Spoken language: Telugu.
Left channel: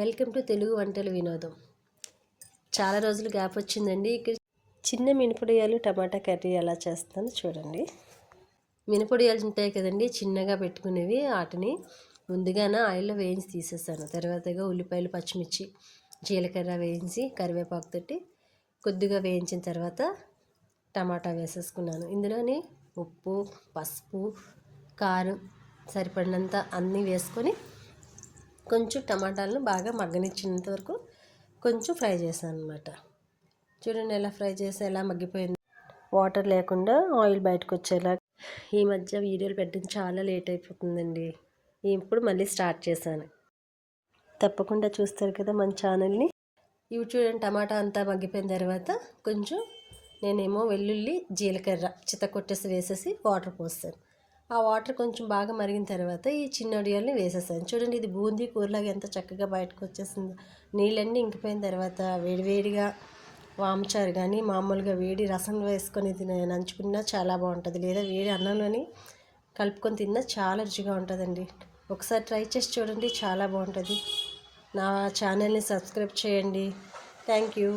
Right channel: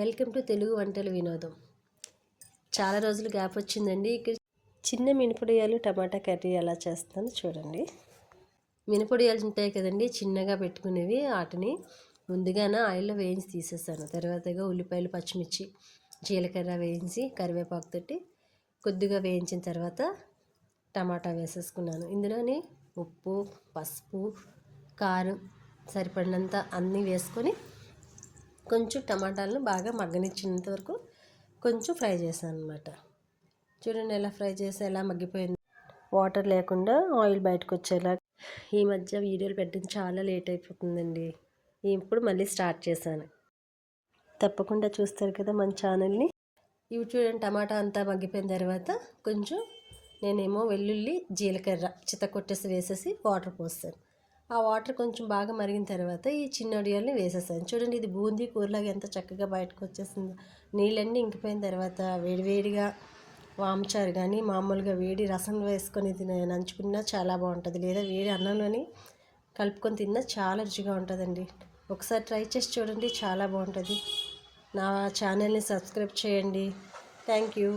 వెల్కమ్ టు తెలుగు వంటల వినోదం. చాలా రోజులు గ్యాప్ వచ్చిందండి. ఇక్కడ చిన్న మినపొడియాలు టమాటా కర్రీ ఎలా చేస్తాను చూడండి. మినపొడియాలు ఉంటాయి కదండి, చిన్నగా పెట్టుకునేవి. వాటిని ముందుగానే ఆయిల్లో వేయించి తీసేసాను. తర్వాతగా ఉల్లిపాయలు, పచ్చిమిర్చి, జీలకర్ర వేయించి కరివేపాకు తోటి కొద్దిగా వేయించిన తర్వాత టమాటా వేసేసుకున్నాను. ఇందులోని ఉప్పు, పసుపు, కారం సరిపడినంత అన్నీ వేసుకొని కొంచెం టమాటాలను బాగా మగ్గనిచ్చినంత వరకు కొంచెం ఫ్రై చేశాను అనమాట. చూడండి ఎలా ఫ్రై చేసి ఎలా మగ్గిపోయింది. వాటర్ లేకుండా ఆయిల్ బయటకు వచ్చేలా. ఈ మధ్య వీడియోలు పెట్టడం చాలా లేట్ అయిపోతుందండి. ఇప్పుడు మళ్ళీ స్టార్ట్ చేశాను. తప్పకుండా చూస్తారు కదా మన ఛానల్ని. ఇవి చూడండి, టమాటా అంతా మగ్గిపోయిన తర్వాత కొంచెం నేనేమో వెల్లుల్లి, జీలకర్ర చితకొట్టేసి వేసేసి వాటర్ పోస్తాను. ఆ వాటర్ కొంచెం బాగా మరిగిన తర్వాత ఈ చిన్న వడియాల్ని వేసేసాను. చూడండి, ఇది బూందీ కూరలాగా ఎంత చక్కగా బయటకు వచ్చేసింది. నీళ్ళన్నీ ఇంకిపోయిన తర్వాత వేడివేడిగా వామచారు కానీ మామూలుగా వేడి రసం వేసుకొని నంచుకున్నా చాలా బాగుంటుంది. లేదా వేడి అన్నంలోని కలుపుకొని తిన్నా చాలా రుచిగా ఉంటుందండి. ఒకసారి ట్రై చేసి చూడండి, చాలా బాగుంటుంది. నా ఛానల్ని సబ్స్క్రైబ్ చేయండి. Thank you.